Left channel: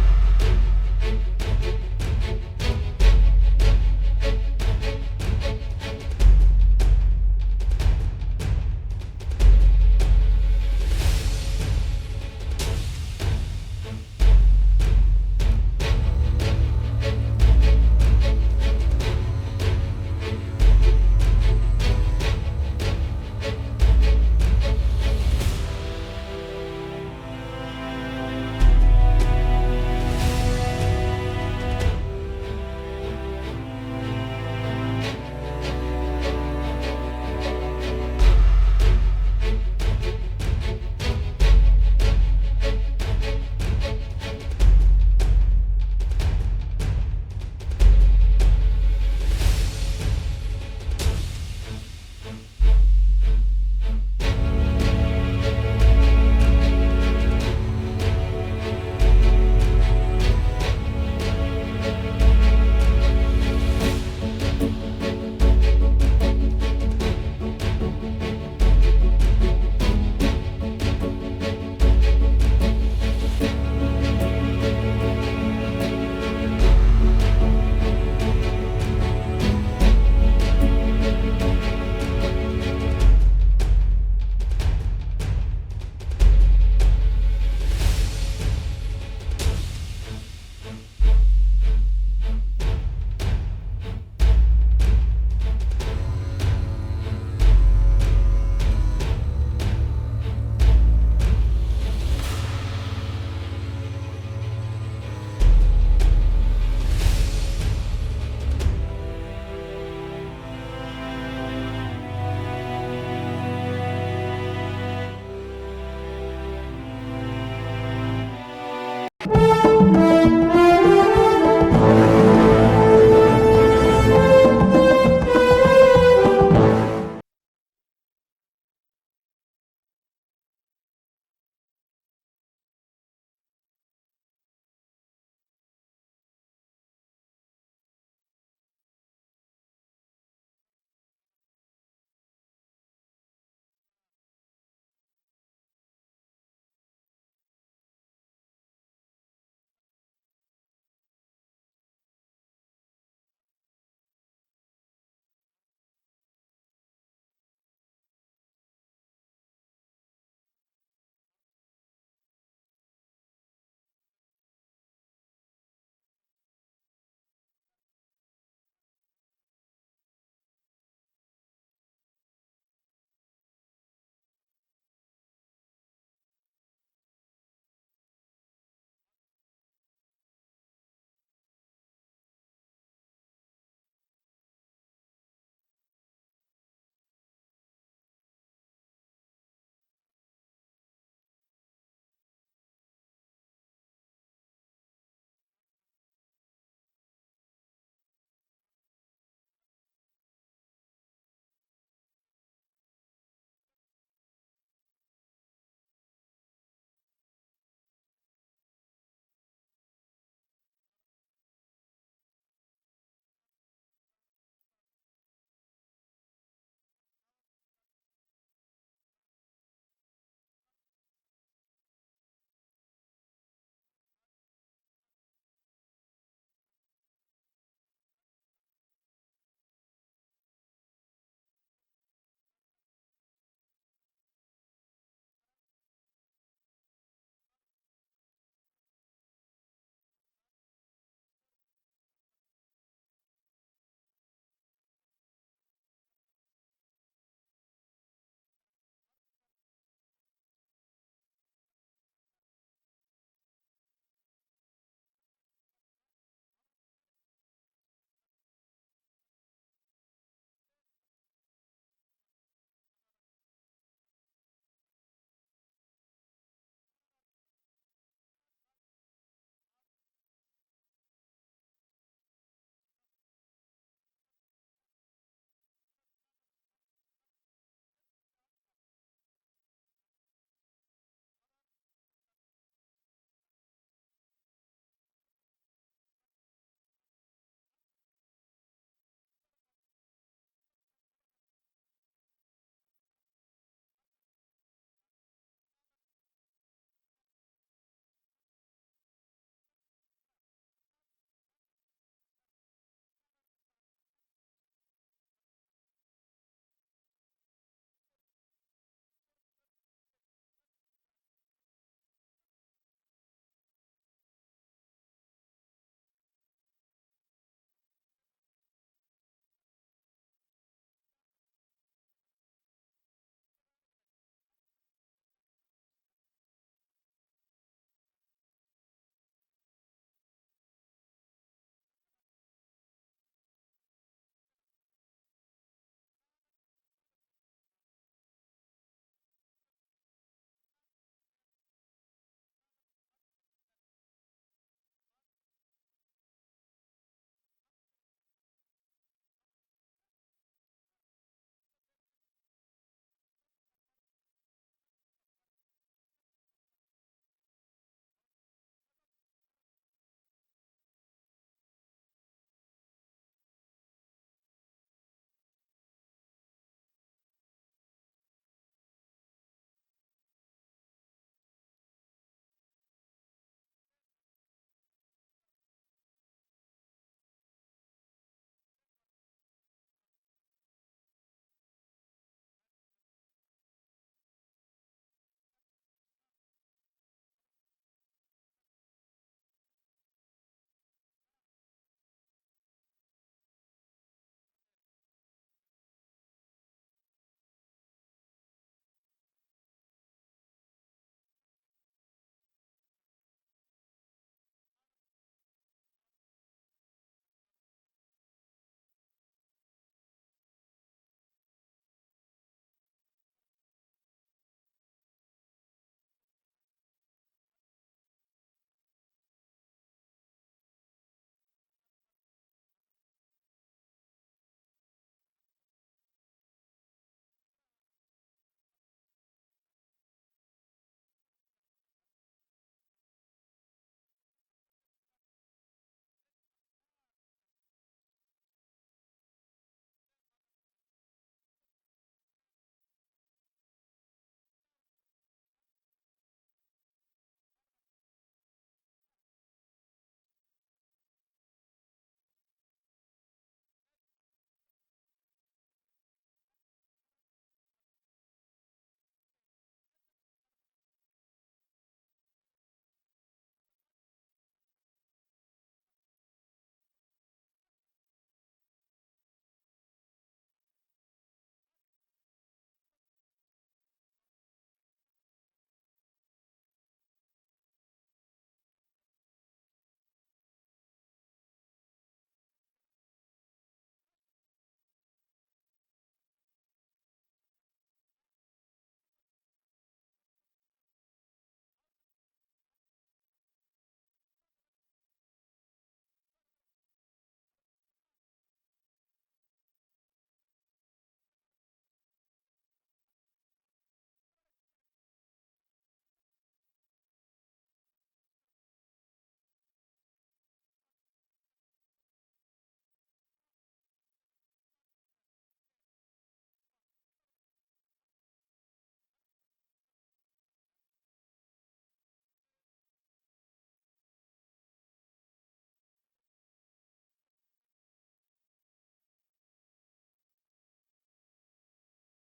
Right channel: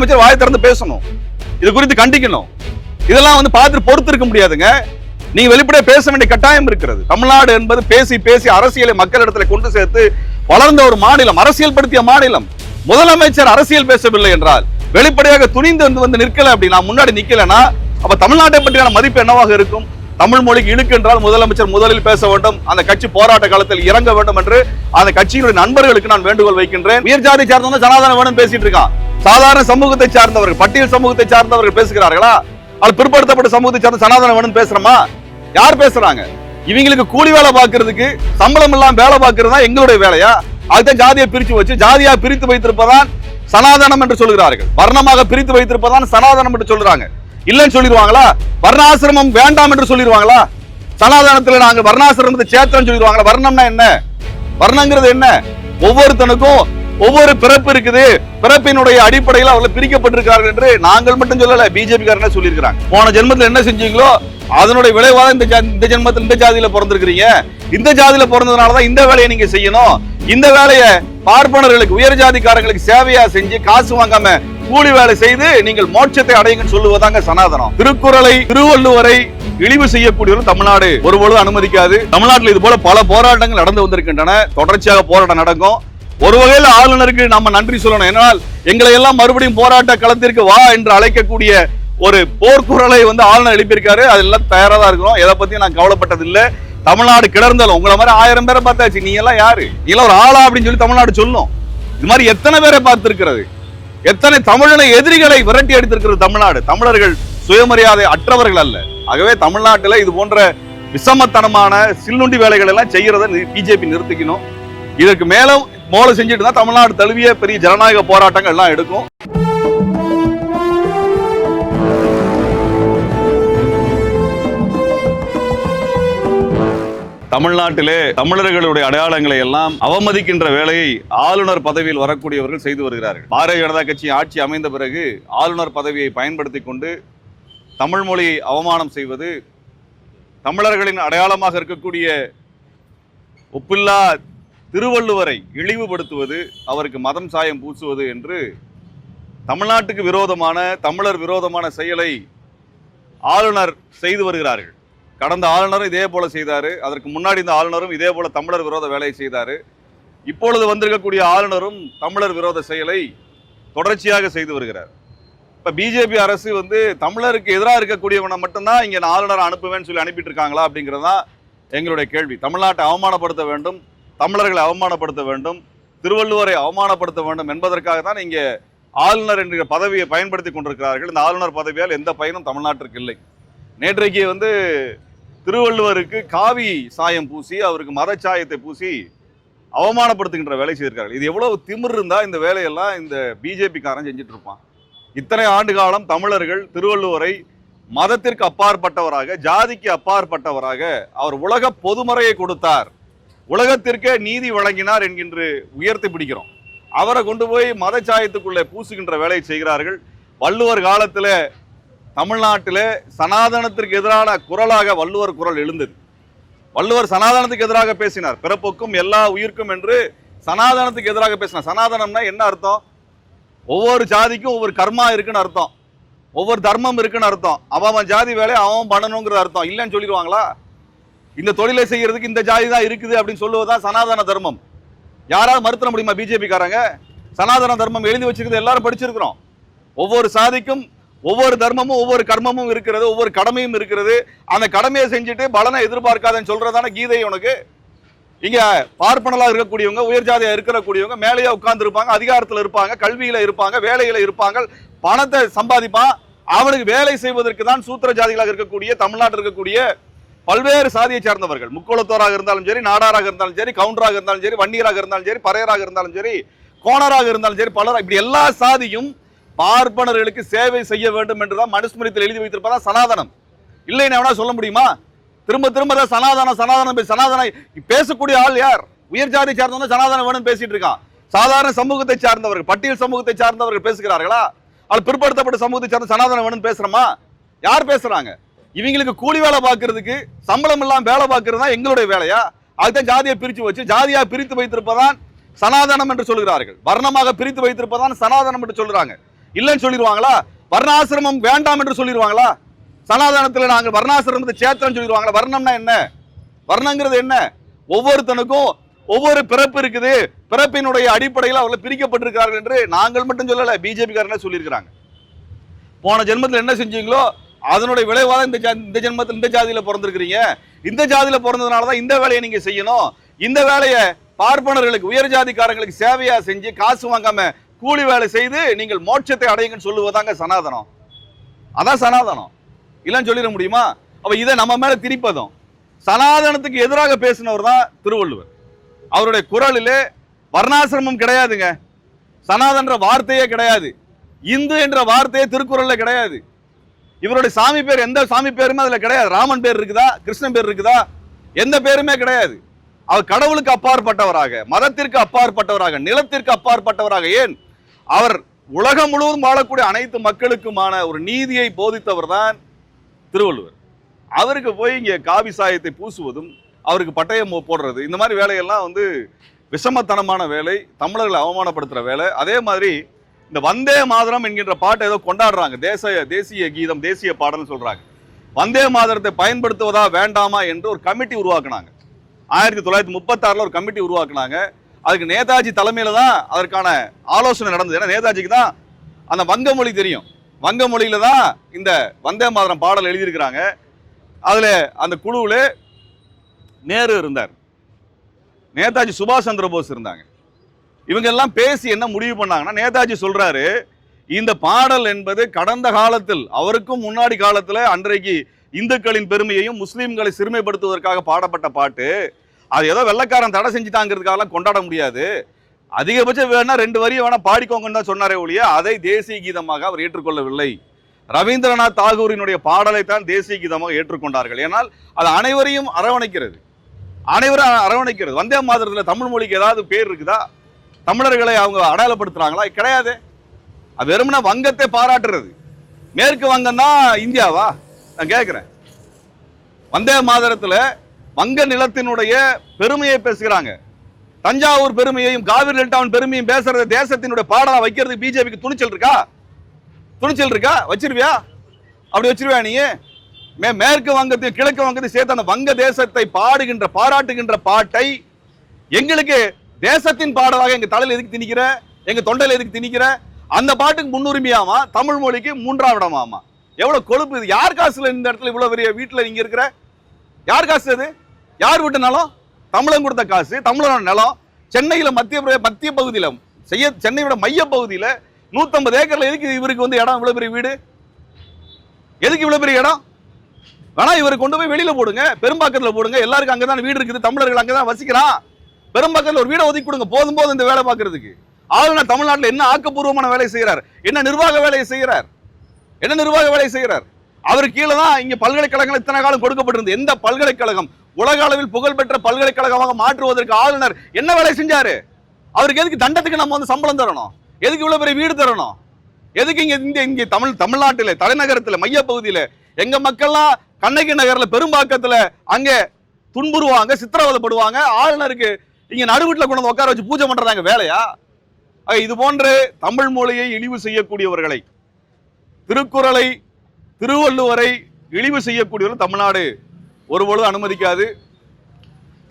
முதலமைச்சர் வாயை திறந்து பேசணும், இது குறித்து கண்டிக்கணும். இதெல்லாம் பார்த்து பொறுத்து இருக்க முடியாதுங்க. நீங்க வெளிப்படையா பேச வேண்டிய கட்டாயம் இருக்கிறது. தமிழ்நாடு என்பது பேசி பேசி அரசியலை மக்களிடத்துல கொண்டு சேர்த்து வளர்ந்த ஒரு மாநிலம், அரசியல் படுத்திய மாநிலம். முதலமைச்சர் அரசியல் பேசவில்லை என்றால், வெளிப்படையாக துணிந்து வந்து நிற்கல அப்படின்னா, முன்னாடி நிக்கலன்னா, அப்ப தமிழ்நாட்டை பற்றியான மதிப்பு என்னவாக இருக்கும்? தமிழ் மொழிக்கு இழுக்கு என்றால் முதலமைச்சர் முதலில் பேச வேண்டும், அந்த கட்சி போராட்ட காலத்தில் இறங்க வேண்டும் என்று அந்த கட்சியினுடைய நண்பர்களுக்கு நான் வேண்டுகோள் வைக்கின்றேன். உயர் ஜாதி சார்ந்தவங்க சனாதனம் வேணும் பேசிட்டு இருக்கான். சாதாரண சமூகத்தை சார்ந்தவர்கள், பட்டியல் சமூகத்தை சார்ந்தவர்கள் பேசுகிறார்களா? அது பிற்படுத்தப்பட்ட சமூகத்தை சார்ந்த சனாதனம் வேணும் பேசுறோமா? யார் பேசுறாங்க? இவங்களுக்கு கூலி வேலை பார்க்கறதுக்கு சம்பளம் இல்லாம வேலை பார்க்கறது தான் எங்களுடைய வேலையா? அதுதான் ஜாதியை பிரிச்சு வச்சு ஜாதியா பிரித்து வைத்திருப்பதான் சனாதனம் என்று சொல்கிறார்கள். வர்ணமாக பிரித்து வைத்திருப்பதான் சனாதனம் என்று சொல்றாங்க. இல்லன்னு சொல்லிடுவாங்களா? வர்ணாசிரமம் வேண்டாம் என்று சொல்லிடுவாங்களா? சனாதனத்துல நாங்க வர்ணாசிரமத்தை சேர்த்தோம் சொல்லிடுவாங்களா? வர்ணம்னா என்ன? வர்ணங்கிறது என்ன? ஒவ்வொருத்தனுக்கும் ஒவ்வொரு பிறப்பு இருக்குது, பிறப்பினுடைய அடிப்படையில் அவர்கள் பிரிக்கப்பட்டிருக்கிறார்கள் என்று நாங்கள் மட்டும் சொல்லல, பிஜேபி காரங்க சொல்லியிருக்கிறாங்க. போன ஜென்மத்தில் என்ன செஞ்சீங்களோ அதனுடைய விளைவாக இந்த ஜென்மத்தில் இந்த ஜாதியில பிறந்திருக்கிறீங்க. இந்த ஜாதியில பிறந்ததுனாலதான் இந்த வேலையை நீங்க செய்யணும். இந்த வேலையை பார்ப்பனர்களுக்கு, உயர் ஜாதிக்காரங்களுக்கு சேவையா செஞ்சு காசு வாங்காம கூலி வேலை செய்து நீங்கள் மோட்சத்தை அடையுங்கன்னு சொல்லுவதாங்க சனாதனம். திருக்குறளை, திருவள்ளுவரை இழிவு செய்யக்கூடியவர்கள் தமிழ்நாடு ஒருபொழுது அனுமதிக்காது. தமிழ்நாட்டில் இது போல பல போராட்டங்கள் நடந்து வந்திருக்கின்றன. தொடர்ச்சியாக போராட்டம் நடக்கும். ஒரு வகையில் ஆளுநருக்கு நம்ம நன்றி சொல்லணும். என்னால் எங்களை எல்லாம் மறுபடியும் போராட்ட களத்திற்கு வா என்று அழைக்கக்கூடிய ஒரு போர்க்குரலை ஆளுநர் எழுப்பியிருக்காரு. அதெல்லாம் தயாரா தான் இருக்கிறோம். எதை பத்தி நான் கவலைப்பட்டது இல்லை. தமிழ்நாடு கிடந்தாலும் உங்களை மாதிரி 1000 பேரை பார்த்தாச்சு. நீ எல்லாம் யாரு? நீ எல்லாம் ஒரு ஆளா அப்படின்னு சொல்லி தமிழ்நாடு சொல்லும். இது மாதிரி எத்தனை பேரை பார்த்திருக்கிறது? எத்தனை தமிழனை எதிரிகளை விரட்டி அடித்திருக்கிறது தமிழ்நாடு. தமிழர்கள் சுயமரியாதை அற்றவர்கள் அல்ல. ஆகவே தமிழ்நாட்டில் இது போன்ற விஷமத்தனமான சில்லுண்டி வேலைகள் எல்லாம் செய்யறதை பிஜேபி நிறுத்திக்கணும். இதற்கு மேலும் மோளை செஞ்சுட்டு தான் தமிழ்நாடு தழுவிய பெரிய ஜனநாயக போராட்டங்கள் எல்லாம் எடுக்கும். தமிழ்நாட்டிலே தமிழர்களுடைய அடையாளங்களை எல்லாம் அவமதிக்கின்ற வேலையை ஆளுநர் பதவியில் வரக்கூடியவர்கள் செய்து வருகிறார்கள். பாரதிய ஜனதா கட்சி ஆட்சி அமைந்த பிறகு ஆளுநர் பதவியை பயன்படுத்தி கொண்டு தமிழ் மொழியை அவமானம் செய்வது, தமிழர்களின் அடையாளமாக இருக்கக்கூடிய ஒப்பில்லா திருவள்ளுவரை இழிவுபடுத்துவது, அவருக்கு மதம் சாயம் பூசுவது என்று தமிழ்நாட்டுக்கு விரோதமான, தமிழர் விரோதமான செயலை ஆளுநர் செய்து வருகிறார்கள். கடந்த ஆளுநரும் இதே போல செய்தாரு. அதற்கு முன்னாடி இந்த ஆளுநரும் இதே போல தமிழர் விரோத வேலையை செய்தாரு. இப்பொழுது வந்திருக்கக்கூடிய ஆளுநரும் தமிழர் விரோத செயலை தொடர்ச்சியாக செய்து வருகிறார். இப்ப பிஜேபி அரசு தமிழருக்கு எதிராக இருக்கக்கூடியவனை மட்டும்தான் இங்க ஆளுநரை அனுப்புவேன்னு சொல்லி அனுப்பிட்டு இருக்காங்களா அப்படிங்கிறதான் எங்களுடைய கேள்வி. தமிழ்நாட்டை அவமானப்படுத்த வேண்டும், தமிழர்களை அவமானப்படுத்த வேண்டும், திருவள்ளுவரை அவமானப்படுத்த வேண்டும் என்பதற்காக தான் இங்கே ஆளுநர் என்கிற பதவியை பயன்படுத்தி கொண்டிருக்கிறார்கள். இந்த ஆளுநர் பதவியால் எந்த பயனும் தமிழ்நாட்டிற்கு இல்லை. நேற்றைக்கு திருவள்ளுவருக்கு காவி சாயம் பூசி, அவருக்கு மதச்சாயத்தை பூசி அவமானப்படுத்துகின்ற வேலை செய்திருக்கார்கள். இது எவ்வளவு திமிர் இருந்தா இந்த வேலையெல்லாம் இந்த பிஜேபி காரன் செஞ்சுட்டு இருப்பான். இத்தனை ஆண்டு காலம் தமிழர்கள் திருவள்ளுவரை மதத்திற்கு அப்பாற்பட்டவராக, ஜாதிக்கு அப்பாற்பட்டவராக அவர் உலக பொதுமறையை கொடுத்தார், உலகத்திற்கே நீதி வழங்கினார் என்கின்ற உயர்த்தி பிடிக்கிறோம். அவரை கொண்டு போய் மதச்சாயத்துக்குள்ளே பூசுகின்ற வேலையை செய்கிறார்கள். வள்ளுவர் காலத்தில் தமிழ்நாட்டில் சனாதனத்திற்கு எதிரான குரலாக வள்ளுவர் குரல் எழுந்தது. வள்ளுவர் சனாதனத்துக்கு எதிராக பேசினார். பிறப்புக்கும் எல்லா உயிர்க்கும் என்று சனாதனத்துக்கு எதிராக பேசினார். சனாதனம்னா என்ன அர்த்தம்? ஒவ்வொரு ஜாதிக்கும் ஒவ்வொரு கர்மா இருக்குன்னு அர்த்தம், ஒவ்வொரு தர்மம் இருக்குன்னு அர்த்தம். அவன் ஜாதி வேலையை அவன் பண்ணணுங்கிற அர்த்தம். இல்லைன்னு சொல்லிடுவாங்களா? இந்த தொழிலை செய்யறதுக்கு இந்த ஜாதி தான் இருக்குது அப்படின்னு சொல்லுவதுதான் சனாதன தர்மம். யாராவது மறுத்த முடியுமா பிஜேபி காரங்க? சனாதன தர்மம் எழுதி வச்சிருக்கிறது எல்லாரும் படிச்சிருக்கிறோம். ஒவ்வொரு சாதிக்கும் ஒவ்வொரு தர்மமும் ஒவ்வொரு கர்மமும் இருக்கிறது, ஒவ்வொரு கடமையும் இருக்கிறது. அந்த கடமையை செஞ்சுட்டு பலனை எதிர்பார்க்காதன்னு சொல்றதான கீதை உனக்கு. இங்க பார்ப்பனலா இருக்கக்கூடியவங்க, உயர் ஜாதியா இருக்கக்கூடியவங்க மேலேயே உட்கார்ந்து இருப்பாங்க, அதிகாரத்துல இருப்பாங்க, கல்வியில இருப்பாங்க, வேலையில இருப்பாங்க, பணத்தை சம்பாதிப்பான். அவனுக்கு வேலை செய்வதற்கு தான் சூத்திர ஜாதிகளாக இருக்கக்கூடிய தமிழ்நாட்டில் இருக்கக்கூடிய பல்வேறு சாதியை சார்ந்தவர்கள், முக்கோளத்தோராக இருந்தாலும் சரி, நாடாராக இருந்தாலும் சரி, கவுண்டராக இருந்தாலும் சரி, வன்னியராக இருந்தாலும் சரி, பறையராக இருந்தாலும் சரி, கோணராக இருந்தாலும் சரி, பலர், இப்படி எல்லா சாதியும் பார்ப்பனர்களுக்கு சேவை செய்ய வேண்டும் என்றுதான் மனுஸ்மிருதியில் எழுதி வைத்திருப்பதான் சனாதனம். இல்லைன்னு சொல்ல முடியுமா? திரும்ப திரும்ப சனாதனம் சனாதனம் சனாதன பேசக்கூடிய ஆள் யார்? உயர் ஜாதி சார்ந்தவங்க சனாதனம் வேணும் பேசிட்டு இருக்கான். சாதாரண சமூகத்தை சார்ந்தவர்கள், பட்டியல் சமூகத்தை சார்ந்தவர்கள் பேசுகிறார்களா? அது பிற்படுத்தப்பட்ட சமூகத்தை சார்ந்த சனாதனம் வேணும் பேசுறோமா? யார் பேசுறாங்க? இவங்களுக்கு கூலி வேலை பார்க்கறதுக்கு சம்பளம் இல்லாம வேலை பார்க்கறது தான் எங்களுடைய வேலையா? அதுதான் ஜாதியை பிரிச்சு வச்சு ஜாதியா பிரித்து வைத்திருப்பதான் சனாதனம் என்று சொல்கிறார்கள். வர்ணமாக பிரித்து வைத்திருப்பதான் சனாதனம் என்று சொல்றாங்க. இல்லைன்னு சொல்லிடுவாங்களா? வர்ணாசிரமம் வேண்டாம் என்று சொல்லிடுவாங்களா? சனாதனத்தில் நாங்கள் வர்ணாசிரமத்தை சேர்த்தோம்னு சொல்லிடுவாங்களா? வர்ணம்னா என்ன? வர்ணங்கிறது என்ன? ஒவ்வொருத்தனுக்கும் ஒவ்வொரு பிறப்பு இருக்குது, பிறப்பினுடைய அடிப்படையில் அவர்கள் பிரிக்கப்பட்டிருக்கிறார்கள் என்று நாங்கள் மட்டும் சொல்லல, பிஜேபி காரங்களே சொல்லியிருக்கிறாங்க. போன ஜென்மத்தில் என்ன செஞ்சீங்களோ அதனுடைய விளைவாக இந்த ஜென்மத்தில் இந்த ஜாதியில பிறந்திருக்கிறீங்க, இந்த ஜாதியில பிறந்ததுனால தான் இந்த வேலையை நீங்க செய்யணும், இந்த வேலையை பார்ப்பனர்களுக்கு உயர் ஜாதிக்காரங்களுக்கு சேவையா செஞ்சு காசு வாங்காம கூலி வேலை செய்து நீங்கள் மோட்சத்தை அடையுங்கன்னு சொல்லுவதாங்க சனாதனம். அதான் சனாதனம். இல்லைன்னு சொல்லிட முடியுமா? அப்ப இதை நம்ம மேல திரிப்பதும் சனாதனத்துக்கு எதிராக பேசினவர் தான் திருவள்ளுவர். அவருடைய குரலிலே வர்ணாசிரமம் கிடையாதுங்க, சனாதன்ற வார்த்தையே கிடையாது, இந்து என்ற வார்த்தையே திருக்குறள்ல கிடையாது. இவருடைய சாமி பேர் எந்த சாமி பேருமே அதுல கிடையாது. ராமன் பேர் இருக்குதா, கிருஷ்ணன் பேர் இருக்குதா? எந்த பேருமே கிடையாது. அவர் கடவுளுக்கு அப்பாற்பட்டவராக, மதத்திற்கு அப்பாற்பட்டவராக, நிலத்திற்கு அப்பாற்பட்டவராக, ஏன் அவர் உலகம் முழுவதும் வாழக்கூடிய அனைத்து மக்களுக்குமான ஒரு நீதியை போதித்தவர் தான் திருவள்ளுவர். அவருக்கு போய் இங்க காவி சாயத்தை பூசுவதும் அவருக்கு பட்டயம் போடுறது, இந்த மாதிரி வேலையெல்லாம் வந்து விஷமத்தனமான வேலை, தமிழர்களை அவமானப்படுத்துற வேலை. அதே மாதிரி இந்த வந்தே மாதரம் என்கின்ற பாட்டை ஏதோ கொண்டாடுறாங்க, தேசிய கீதம், தேசிய பாடல்னு சொல்றாங்க. வந்தே மாதரத்தை பயன்படுத்துவதா வேண்டாமா என்று ஒரு கமிட்டி உருவாக்குனாங்க. 1936 ஒரு கமிட்டி உருவாக்குனாங்க. அதுக்கு நேதாஜி தலைமையில தான் அதற்கான ஆலோசனை நடந்தது. ஏன்னா நேதாஜிக்கு தான் அந்த வங்க மொழி தெரியும், வங்க மொழியில தான் இந்த வந்தே மாதரம் பாடல் எழுதியிருக்கிறாங்க. அதுல அந்த குழுவுல நேரு இருந்தார், நேதாஜி சுபாஷ் சந்திர போஸ் இருந்தாங்க. இவங்க எல்லாம் பேசி என்ன முடிவு பண்ணாங்கன்னா, நேதாஜி சொல்றாரு, இந்த பாடல் என்பது கடந்த காலத்தில், அவருக்கும் முன்னாடி காலத்துல அன்றைக்கு இந்துக்களின் பெருமையையும் முஸ்லீம்களை சிறுமைப்படுத்துவதற்காக பாடப்பட்ட பாட்டு, அது ஏதோ வெள்ளக்காரன் தடை செஞ்சுட்டாங்கிறதுக்காக கொண்டாட முடியாது, அதிகபட்சம் வேணா 2 வரியை வேணா பாடிக்கோங்கன்னு தான் சொன்னாரே ஒழிய அதை தேசிய கீதமாக அவர் ஏற்றுக்கொள்ளவில்லை. ரவீந்திரநாத் தாகூரினுடைய பாடலை தான் தேசிய கீதமாக ஏற்றுக்கொண்டார்கள். ஏனால் அது அனைவரையும் அரவணைக்கிறது, அனைவரும் அரவணைக்கிறது. வந்தே மாதரத்தில் தமிழ் மொழிக்கு ஏதாவது பேர் இருக்குதா? தமிழர்களை அவங்க அடையாளப்படுத்துறாங்களா? கிடையாது. அது வெறுமனே வங்கத்தை பாராட்டுறது. மேற்கு வங்கம் தான் இந்தியாவா? நான் கேட்கிறேன். வந்தே மாதரத்துல வங்க நிலத்தினுடைய பெருமையை பேசுகிறாங்க, தஞ்சாவூர் பெருமையையும் காவிரி டெல்டாவின் பெருமையும் பேசுறது தேசத்தினுடைய பாடலா வைக்கிறதுக்கு பிஜேபிக்கு துணிச்சல் இருக்கா? துணிச்சல் இருக்கா? வச்சிருவியா? அப்படி வச்சிருவியா நீ? மேற்கு வங்கத்தையும் கிழக்கு வங்கத்தையும் சேர்த்து அந்த வங்க தேசத்தை பாடுகின்ற பாராட்டுகின்ற பாட்டை எங்களுக்கு தேசத்தின் பாடலாக எங்க தலையில எதுக்கு திணிக்கிற, எங்க தொண்டையில எதுக்கு திணிக்கிற? அந்த பாட்டுக்கு முன்னுரிமையாமா, தமிழ் மொழிக்கு 3ஆம் இடமாமா. எவ்வளவு கொழுப்பு இது! யார் காசுல இந்த இடத்துல இவ்வளவு பெரிய வீட்டுல நீங்க இருக்கிற? யார் காசு அது? யார் வீட்டு நிலம்? தமிழன் கொடுத்த காசு, தமிழனோட நிலம். சென்னையில மத்திய பகுதியில சென்னையோட மைய பகுதியில 150 ஏக்கர்ல எதுக்கு இவருக்கு வந்து இடம், இவ்வளவு பெரிய வீடு? எதுக்கு இவ்வளவு பெரிய இடம்? வேணா இவரை கொண்டு போய் வெளியில போடுங்க, பெரும்பாக்கத்துல போடுங்க. எல்லாருக்கும் அங்கதான் வீடு இருக்குது, தமிழர்கள் அங்கதான் வசிக்கிறான். பெரும்பாக்கத்துல ஒரு வீடை ஒதுக்கி கொடுங்க, போதும் போதும் இந்த வேலை பார்க்கறதுக்கு. ஆளுநர் தமிழ்நாட்டில் என்ன ஆக்கப்பூர்வமான வேலை செய்யறார்? என்ன நிர்வாக வேலையை செய்யறார்? என்ன நிர்வாக வேலை செய்யறார்? அவர் கீழே தான் இங்க பல்கலைக்கழகங்கள் இத்தனை காலம் கொடுக்கப்பட்டிருந்தது. எந்த பல்கலைக்கழகம் உலக அளவில் புகழ்பெற்ற பல்கலைக்கழகமாக மாற்றுவதற்கு ஆளுநர் என்ன வேலை செஞ்சாரு? அவருக்கு எதுக்கு தண்டத்துக்கு நம்ம வந்து சம்பளம் தரணும்? எதுக்கு இவ்வளவு பெரிய வீடு தரணும்? எதுக்கு இங்க தமிழ்நாட்டில தலைநகரத்துல மைய பகுதியில எங்க மக்கள்லாம் கண்ணகி நகர்ல பெரும்பாக்கத்துல அங்க துன்புறுவாங்க, சித்திரவதைப்படுவாங்க. ஆளுநருக்கு இங்க நடுவீட்டுல கொண்டு வந்து உட்கார வச்சு பூஜை பண்றாங்க வேலையா? இது போன்று தமிழ் மொழியை இழிவு செய்யக்கூடியவர்களை, திருக்குறளை, திருவள்ளுவரை இழிவு செய்யக்கூடியவர்கள் தமிழ்நாடு ஒருபொழுது அனுமதிக்காது.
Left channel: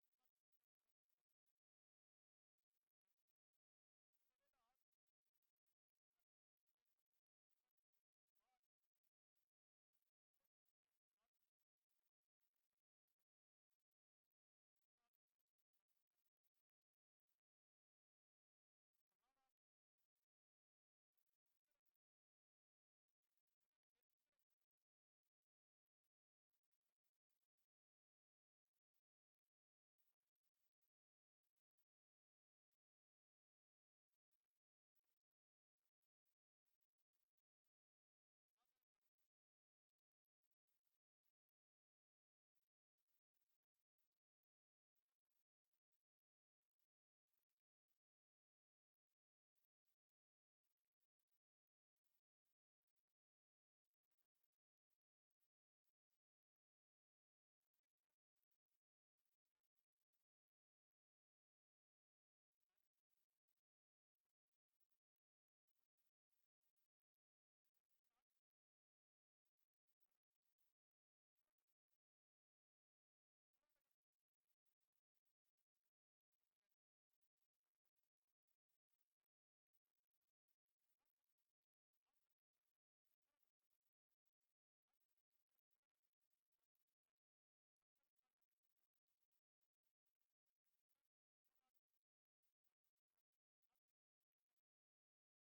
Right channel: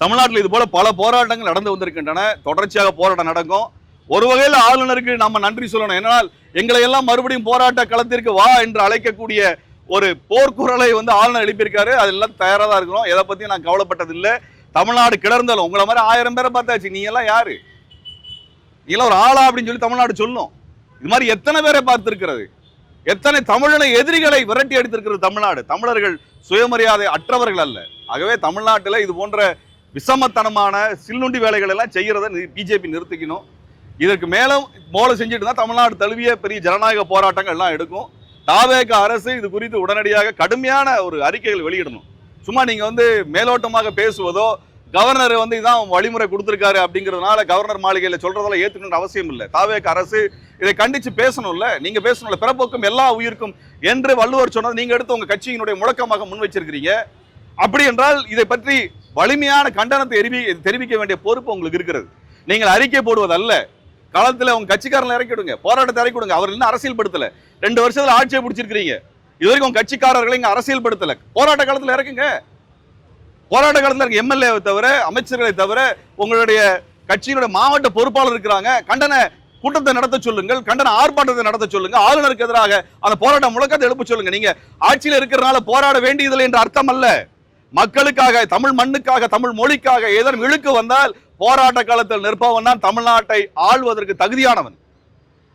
தமிழ்நாட்டில் இது போல பல போராட்டங்கள் நடந்து வந்திருக்கின்றன, தொடர்ச்சியாக போராட்டம் நடக்கும். ஒரு வகையில் ஆளுநருக்கு நம்ம நன்றி சொல்லணும். ஏன்னால் எங்களை எல்லாம் மறுபடியும் போராட்ட களத்திற்கு வா என்று அழைக்கக்கூடிய ஒரு போர்க்குரலை வந்து ஆளுநர் எழுப்பியிருக்காரு. அதெல்லாம் தயாராக தான் இருக்கிறோம். எதை பத்தியும் நான் கவலைப்பட்டது இல்லை. தமிழ்நாடு கிளர்ந்தாலும் உங்களை மாதிரி 1000 பேரை பார்த்தாச்சு. நீ எல்லாம் யாரு? நீ எல்லாம் ஒரு ஆளா அப்படின்னு சொல்லி தமிழ்நாடு சொல்லும். இது மாதிரி எத்தனை பேரை பார்த்திருக்கிறது, எத்தனை தமிழனை எதிரிகளை விரட்டி அடித்திருக்கிறது தமிழ்நாடு. தமிழர்கள் சுயமரியாதை அற்றவர்கள் அல்ல. ஆகவே தமிழ்நாட்டில் இது போன்ற விஷமத்தனமான சில்லுண்டி வேலைகள் எல்லாம் செய்யறதை பிஜேபி நிறுத்திக்கணும். இதற்கு மேலும் மோல செஞ்சுட்டு தான் தமிழ்நாடு தழுவிய பெரிய ஜனநாயக போராட்டங்கள் எல்லாம் எடுக்கும். தாவேக அரசு இது குறித்து உடனடியாக கடுமையான ஒரு அறிக்கைகள் வெளியிடணும். சும்மா நீங்க வந்து மேலோட்டமாக பேசுவதோ, கவர்னர் வந்து இதான் வழிமுறை கொடுத்திருக்காரு அப்படிங்கிறதுனால கவர்னர் மாளிகையில சொல்றதெல்லாம் ஏத்துக்கணும்னு அவசியம் இல்லை. தாவேக அரசு இதை கண்டிச்சு பேசணும்ல, நீங்க பேசணும்ல. பிறப்போக்கும் எல்லா உயிருக்கும் என்று வள்ளுவர் சொன்னது நீங்க எடுத்து உங்க கட்சியினுடைய முழக்கமாக முன் வச்சிருக்கிறீங்க. அப்படி என்றால் இதை பற்றி வலிமையான கண்டனத்தை தெரிவிக்க வேண்டிய பொறுப்பு உங்களுக்கு இருக்கிறது. நீங்கள் அறிக்கை போடுவதல்ல, களத்துல உங்க கட்சிக்காரங்களை இறக்கி விடுங்க, போராட்டத்தை இறக்கி விடுங்க. அவர் இன்னும் அரசியல் படுத்தல, 2 வருஷத்துல ஆட்சியை பிடிச்சிருக்கீங்க, இது வரைக்கும் உங்க கட்சிக்காரர்களை இங்க அரசியல் படுத்தல. போராட்ட காலத்துல இறக்குங்க, போராட்ட காலத்துல இருக்க எம்எல்ஏவை தவிர, அமைச்சர்களை தவிர, உங்களுடைய கட்சியினுடைய மாவட்ட பொறுப்பாளர் இருக்கிறாங்க, கண்டன கூட்டத்தை நடத்த சொல்லுங்கள், கண்டன ஆர்ப்பாட்டத்தை நடத்த சொல்லுங்க, ஆளுநருக்கு எதிராக அந்த போராட்ட முழக்கத்தை எழுப்ப சொல்லுங்க. நீங்க ஆட்சியில் இருக்கிறனால போராட வேண்டியதில்லை என்ற அர்த்தம் அல்ல. மக்களுக்காக, தமிழ் மண்ணுக்காக, தமிழ் மொழிக்காக ஏதேனும் இழுக்கு வந்தால் போராட்ட காலத்தில் நிற்பவன் தான் தமிழ்நாட்டை ஆள்வதற்கு தகுதியானவன்.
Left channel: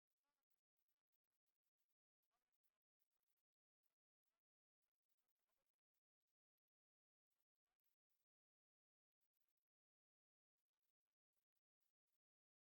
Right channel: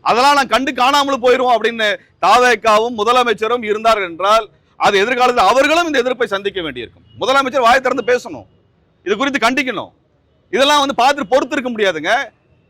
அதெல்லாம் நான் கண்டு காணாமல் போயிருவோம் அப்படின்னு தாவேக்காவும் முதலமைச்சரும் இருந்தார்கள் என்றால் அது எதிர்காலத்தில் அவர்களும் இந்த எதிர்ப்பை சந்திக்க வேண்டியிருக்கும். முதலமைச்சர் வாயை திறந்து பேசணும், இது குறித்து கண்டிக்கணும். இதெல்லாம் பார்த்து பொறுத்து இருக்க முடியாதுங்க.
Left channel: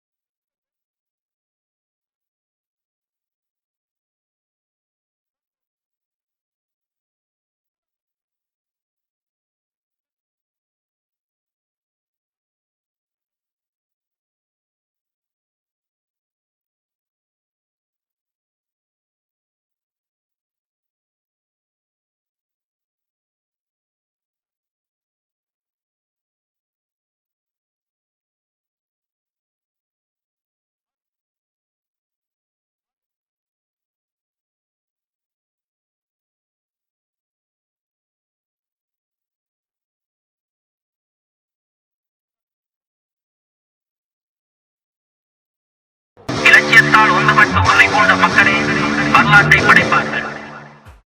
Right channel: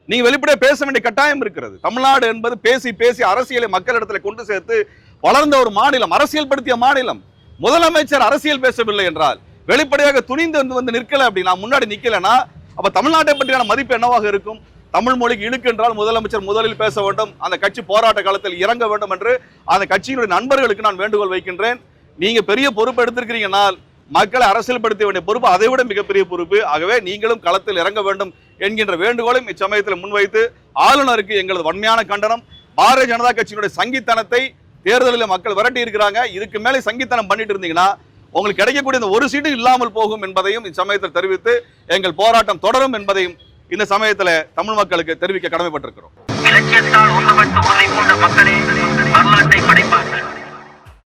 நீங்க வெளிப்படையா பேச வேண்டிய கட்டாயம் இருக்கிறது. தமிழ்நாடு என்பது பேசி பேசி அரசியலை மக்களிடத்துல கொண்டு சேர்த்து வளர்ந்த ஒரு மாநிலம், அரசியல் படுத்திய மாநிலம். முதலமைச்சர் அரசியல் பேசவில்லை என்றால், வெளிப்படையாக துணிந்து வந்து நிற்கல அப்படின்னா, முன்னாடி நிக்கலனா, அப்ப தமிழ்நாட்டை பற்றியான மதிப்பு என்னவாக இருக்கும்? தமிழ் மொழிக்கு இழுக்கு என்றால் முதலமைச்சர் முதலில் பேச வேண்டும், அந்த கட்சி போராட்ட காலத்தில் இறங்க வேண்டும் என்று அந்த கட்சியினுடைய நண்பர்களுக்கு நான் வேண்டுகோள் வைக்கின்றேன். நீங்க பெரிய பொறுப்பு எடுத்திருக்கிறீங்கனால் மக்களை அரசியல் படுத்த வேண்டிய பொறுப்பு அதை விட மிகப்பெரிய பொறுப்பு. ஆகவே நீங்களும் களத்தில் இறங்க வேண்டும் என்கின்ற வேண்டுகோளையும் இச்சமயத்தில் முன்வைத்து ஆளுநருக்கு எங்களது வன்மையான கண்டனம். பாரதிய ஜனதா கட்சியினுடைய சங்கித்தனத்தை தேர்தலில் மக்கள் விரட்டி இருக்கிறாங்க. இதுக்கு மேலே சங்கித்தனம் பண்ணிட்டு இருந்தீங்கன்னா உங்களுக்கு கிடைக்கக்கூடிய இந்த ஒரு சீட்டு இல்லாமல் போகும் என்பதையும் இச்சமயத்தில் தெரிவித்து எங்கள் போராட்டம் தொடரும் என்பதையும் இந்த சமயத்தில் தமிழ் மக்களுக்கு தெரிவிக்க கடமைப்பட்டிருக்கிறோம். இலக்கியத்தால் ஒன்றுபட்டு உன்னை போன்ற மக்களே வரலாற்றை படைப்பார்கள்.